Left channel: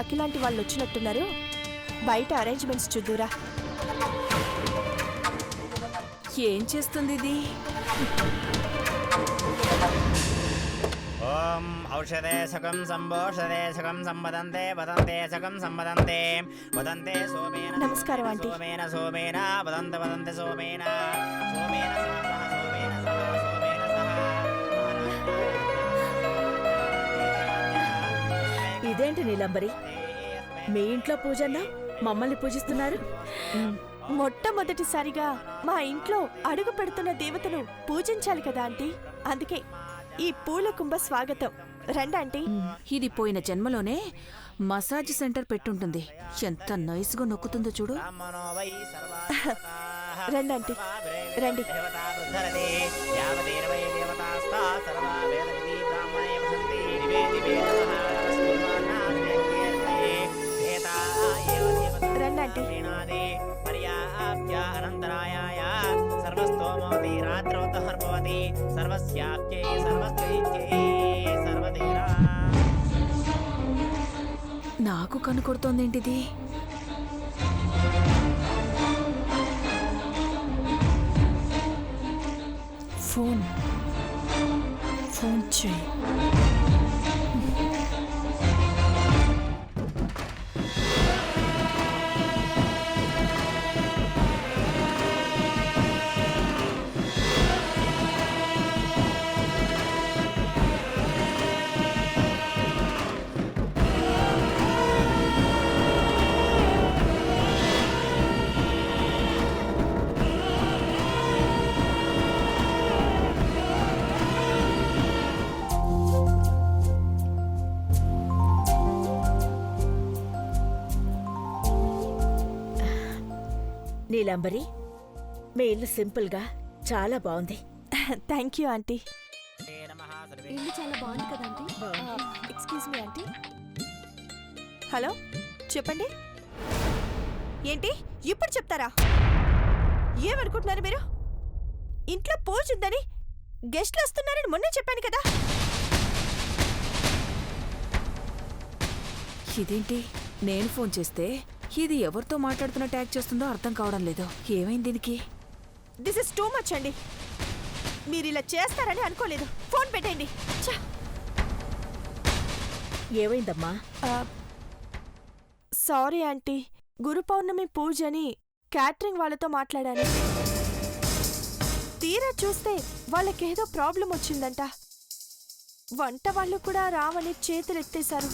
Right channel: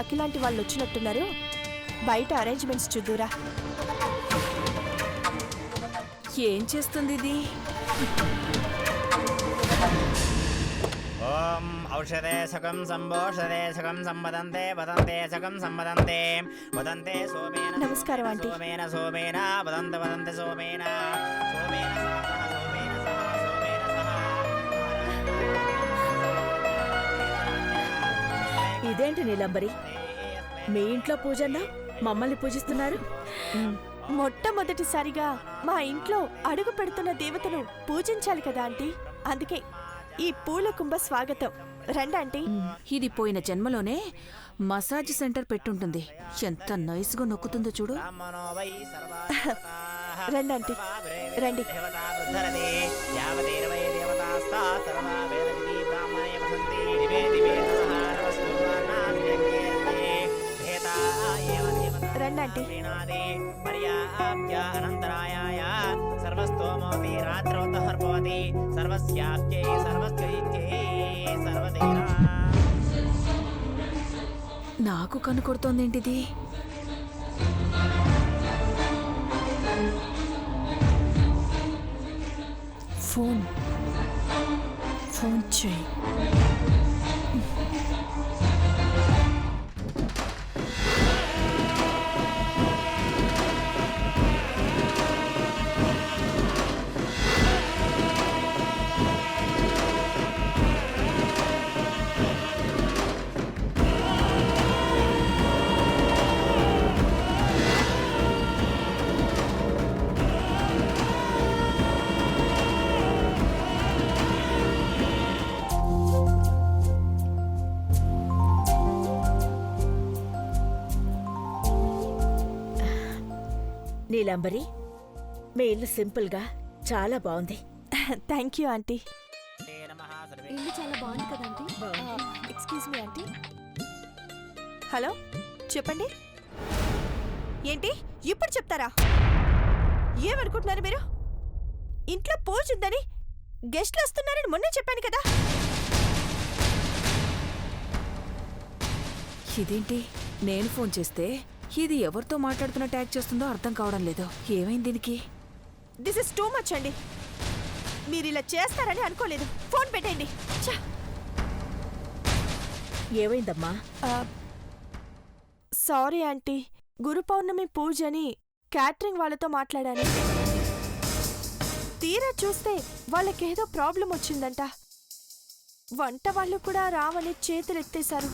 అఖిలాంటి వాళ్ళు వచ్చినట్టున్నారు. బయట అరేంజ్మెంట్స్ చూద్దురా. ఏం చేస్తుంది ఇది? ఓం ఔషధే సకం సంభోషధే సకం సంవదంతే వదంతే సకం సంవదంతే వదంతే సోమేన. నమస్కారం ఆంటీ. సోమేన సోమేన వదంత వదంతే సోమేన సోమేన సహ సోమేన సహ సోమేన సహ. ఇదేంటి నీలంబరి, మీ ఇంట్లో పూజన్నా మమ్మల్ని పూజిస్తున్నారు? మొట్టమొదటిసారిగా మా ఇంట్లో అడుగు పెడుతున్న దేవతను పూజించాలి కదా ఆంటీ. అందుకే ఈ పూల కుంభ స్వాగతం. రండి ఆంటీ. ఇది పోయిన జన్మలోనే మసాజ్ సెంటర్ పెట్టుంటుంది. ఎంత నైస్గా నొక్కుతుందో చూడు. రండి ఆంటీ, రండి. రండి ఆంటీ. అనంతరాయాయ సర్వస్తోమోతి రాత్రోత్తహర్భవతి సర్వస్యాప్యై సర్వస్కైత్యై సర్వదేరా. నాకు కనుకొడుతోందేంటిది? ఫోన్ చేయి. నీలంబరి, మీ ఇల్లు సింపుల్గా చాలా బాగుంది. Thank you aunty. ఇల్లు చాలా బాగుంది కదా aunty? Excuse me aunty. Hello, చెప్పండి. ఏంటి ఇప్పుడు చెప్తారా? ఏమనుకుంటున్నారు మీరు? ఇంట్లో పూజ ఉందని గెస్ట్లు వస్తున్నారని మొన్నే చెప్పాను కదా. ఇదేంటి, నేను ఫోన్ చేస్తే ఇది ఎవరితో మాట్లాడుతున్న ట్యాగ్ చేస్తుందో అర్థం కావడం లేదు. ఏమైంది దీనికి? దిస్ ఇస్ టూ మచ్ అండి. మీరు ఇలా చేస్తారని అనుకోలేదు. ఫోన్ పెట్టండి. ఏమైందమ్మా? సారీ ఆంటీ, గురు పౌర్ణమి పూజని క్యాటరింగ్ వాళ్ళతో మాట్లాడాను. తీరా చూస్తే వాళ్ళకేదో ప్రాబ్లం వచ్చిందంట. వంట వాళ్ళు కూడా రావని చేతులెత్తేశారు.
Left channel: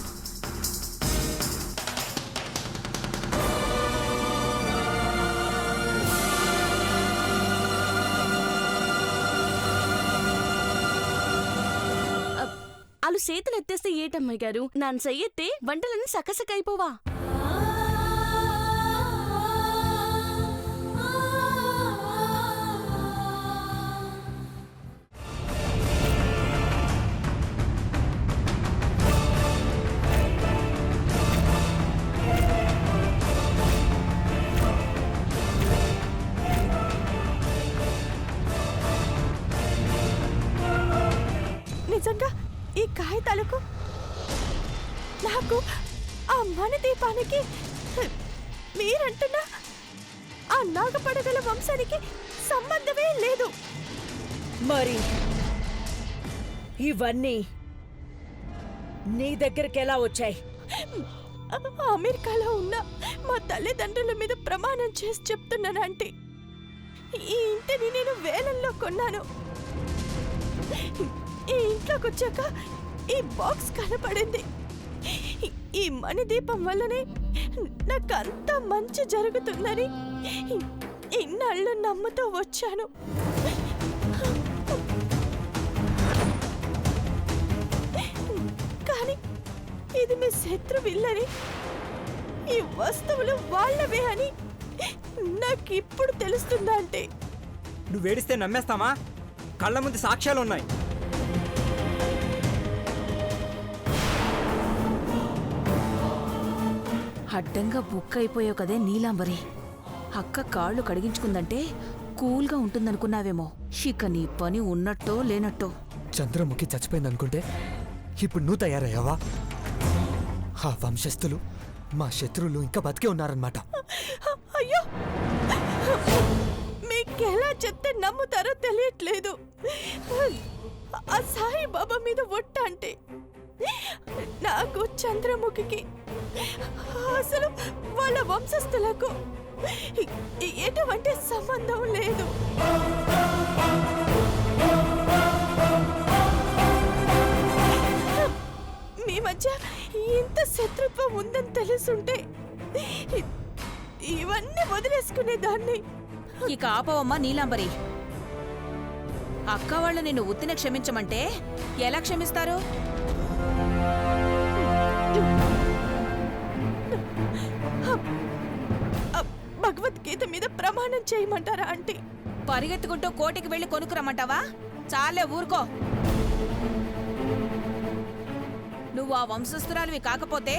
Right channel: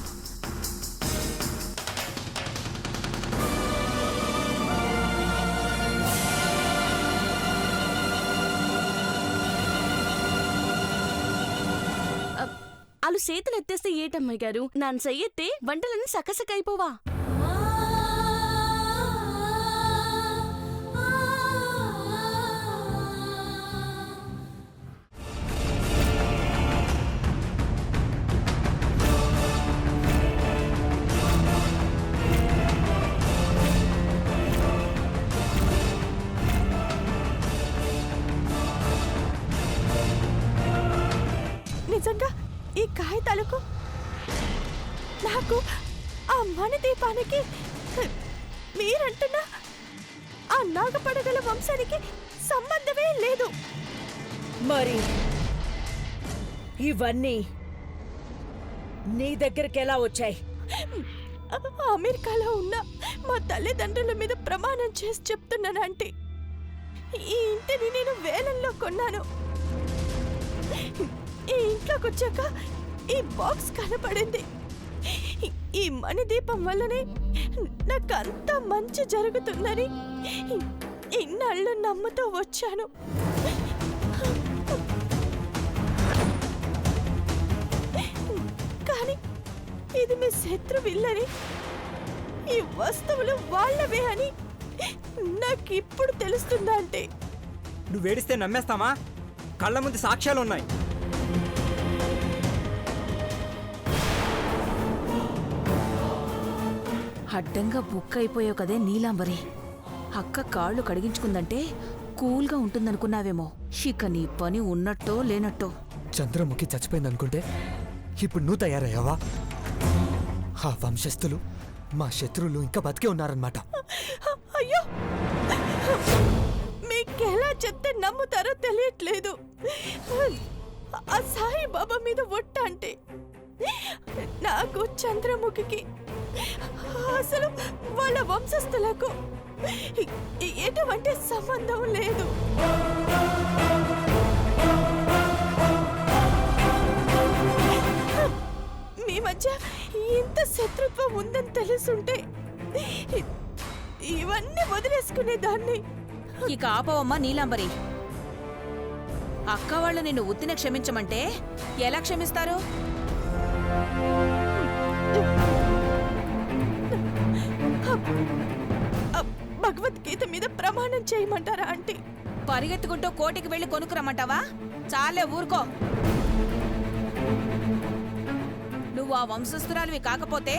వాళ్ళు చేతులు ఎత్తేస్తే ఏటమ్మాయి గారు, నాన్న చెయ్యెత్తే వంటలన్నీ సకసకైపోవా? నిజంగా ఈ కాగితాలకు నాకు ఆ మణిదీపానికి మీరంటున్న ఆ నాగపడగల వంశానికి సంబంధమే లేదు. మరి ఇవన్నీ నీ దగ్గరికి ఎలా వచ్చాయి? అమెరికాలో ఉన్న మా తల్లిదండ్రుల మీద ప్రమాణం చేసి చెప్తున్నాను ఆంటీ. ఈ ఇంటిని నేను వేలంలో కొన్నాను. ఈ ఇంట్లోకి వచ్చాక ఈ బాక్స్ కనపడింది. ఈ మణిదీపం వల్లనే నాకంతా మంచి జరుగుతుందని ఇన్నాళ్ళు నమ్ముతూ వచ్చాను. కానీ ఇది మీ శత్రువిల్లని, ఈ వస్తువులు వాళ్ళవే అని నాకిప్పుడు తెలుస్తుందా అంటే? నువ్వేడిస్తే నమ్మేస్తామా? కళ్ళ ముందు సాక్ష్యాలున్నాయి. అడ్డంగా బుక్ అయిపోయావు కదే నీలాంబరి. అక్క కాళ్ళు కడిగించుకుందంటే కూల్గా ఉంటుందనుకున్నావేమో. ఇక నీ పని ఉన్నట్టో లేనట్టో. చంద్రముఖి చచ్చిపోయిందనుకుంటే ఇప్పుడు నువ్వు తయారయ్యావా? ఆ వంశస్థులు మా శత్రువులు ఇంకా బతికే ఉన్నారన్నమాట. అయ్యో, మీకెలా చెప్తే నమ్ముతారో తెలియట్లేదు. ఆ సాయిబాబా మీద ఒట్ట అంటే నాకు చంద్రముఖికి అసలు వాళ్ళ వంశస్థులకు ఎటువంటి సంబంధం లేదు. మీ మధ్య ఇంత శత్రుత్వం ఉందని తెలుసుంటే ఇవన్నీ వదిలేసుకునేదాన్ని. ఇక ఆపవమ్మా నీలాంబరి. అక్క వాళ్ళు నిన్ను ఉత్తిన క్షమించమంటే ఎలా క్షమిస్తారు? భగవద్గీత మీద ప్రమాణం చేయమంటారా ఆంటీ? పరిగెత్తుకుంటూ కోటికి వెళ్లి కొనుక్కురమ్మంటావా? చాలే ఊరుకో. నువ్వు ఆ వంశస్థురాలివి కాకపోతే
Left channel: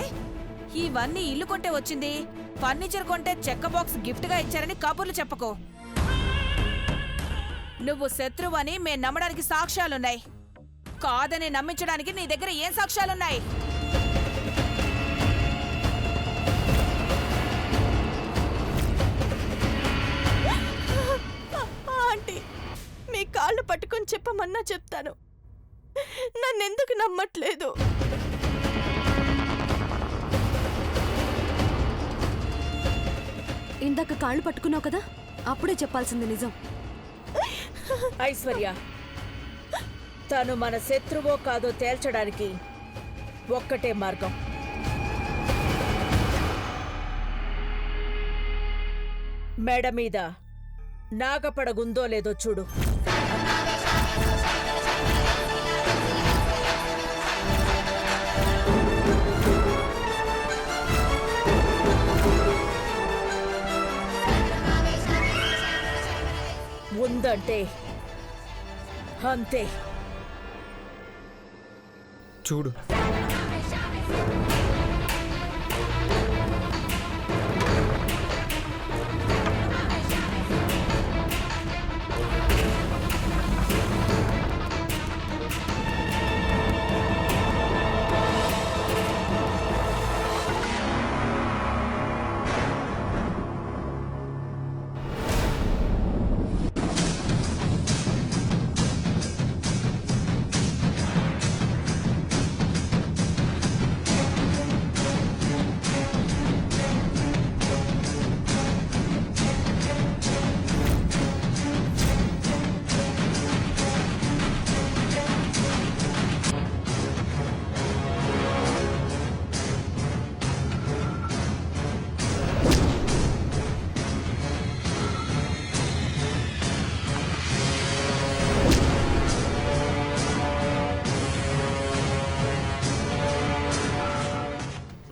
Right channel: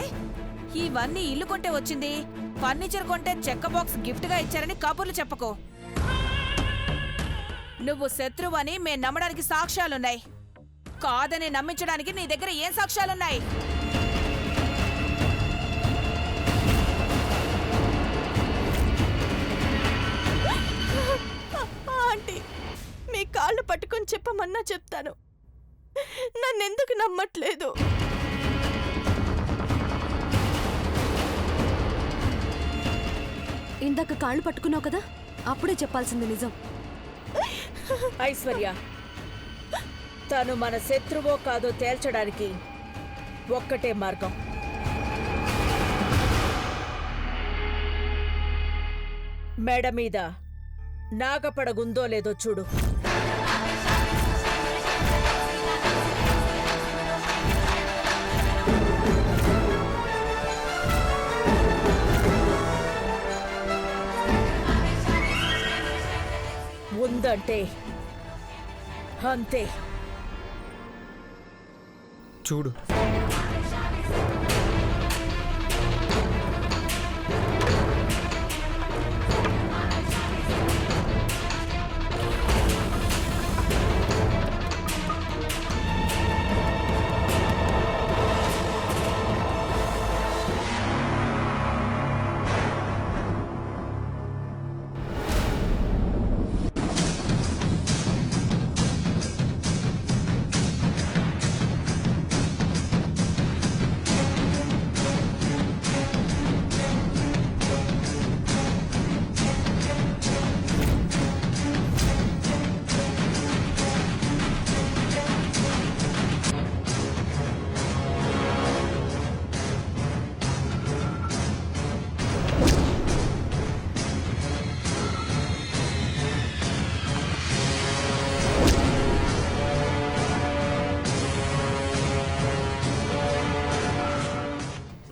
ఇవన్నీ ఇల్లు కొంటే వచ్చింది, ఫర్నిచర్ కొంటే చెక్క బాక్స్ గిఫ్ట్ గా ఇచ్చారని కబుర్లు చెప్పకు. నువ్వు శత్రువని మేం నమ్మడానికి సాక్ష్యాలున్నాయి. కాదని నమ్మించడానికి నీ దగ్గర ఏం సాక్ష్యాలున్నాయి? ఆంటీ, మీ కాళ్ళు పట్టుకొని చెప్పమన్నా చెప్తాను. నన్నెందుకు నమ్మట్లేదు? ఇందాక కాళ్ళు పట్టుకున్నావు కదా, అప్పుడే చెప్పాల్సింది నిజం. ఐశ్వర్య, తను మన శత్రువో కాదో తేల్చడానికి ఒక్కటే మార్గం. మెడ మీద నాగపడగుందో లేదో చూడు. ఉందంటే అంతే. చూడు,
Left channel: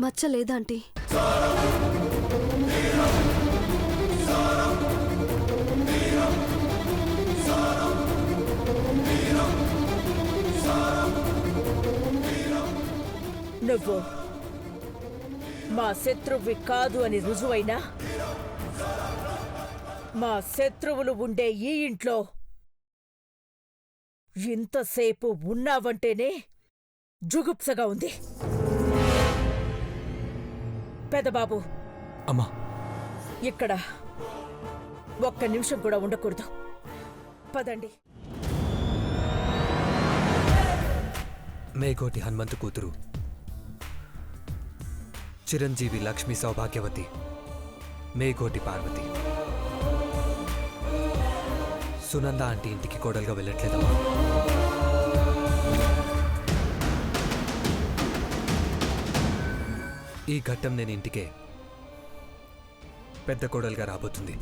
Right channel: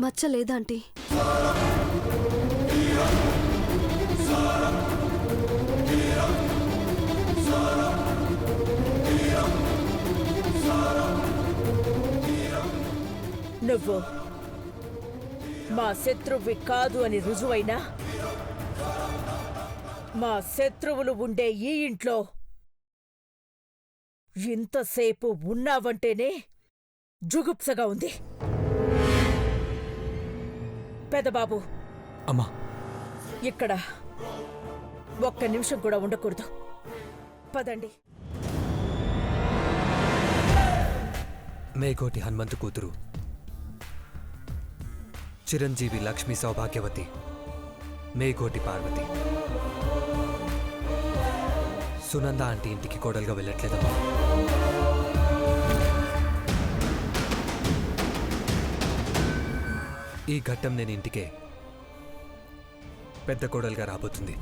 మచ్చ లేదాంటీ? నువ్వు మా శత్రువి కాదు అని రుజువైనా మా శత్రువులు ఉండే ఈ ఇంట్లో ఇంతసేపు ఉన్నావంటేనే జుగుప్సగా ఉంది. పెదబాబు, అమ్మా, ఇక్కడ ఒక్క నిమిషం కూడా ఉండకూడదు. పదండి. మేకోటి హనుమంతు కూతురు, చిరంజీవి లక్ష్మీ సౌభాగ్యవతి, మేకోటి పార్వతి. సునంద ఆంటీ ఇంటికి కోడలుగా వెళ్ళట్లేదమ్మా. ఈ ఘట్టం నేను ఇంటికే పెద్ద కోడలుగా రాబోతుంది.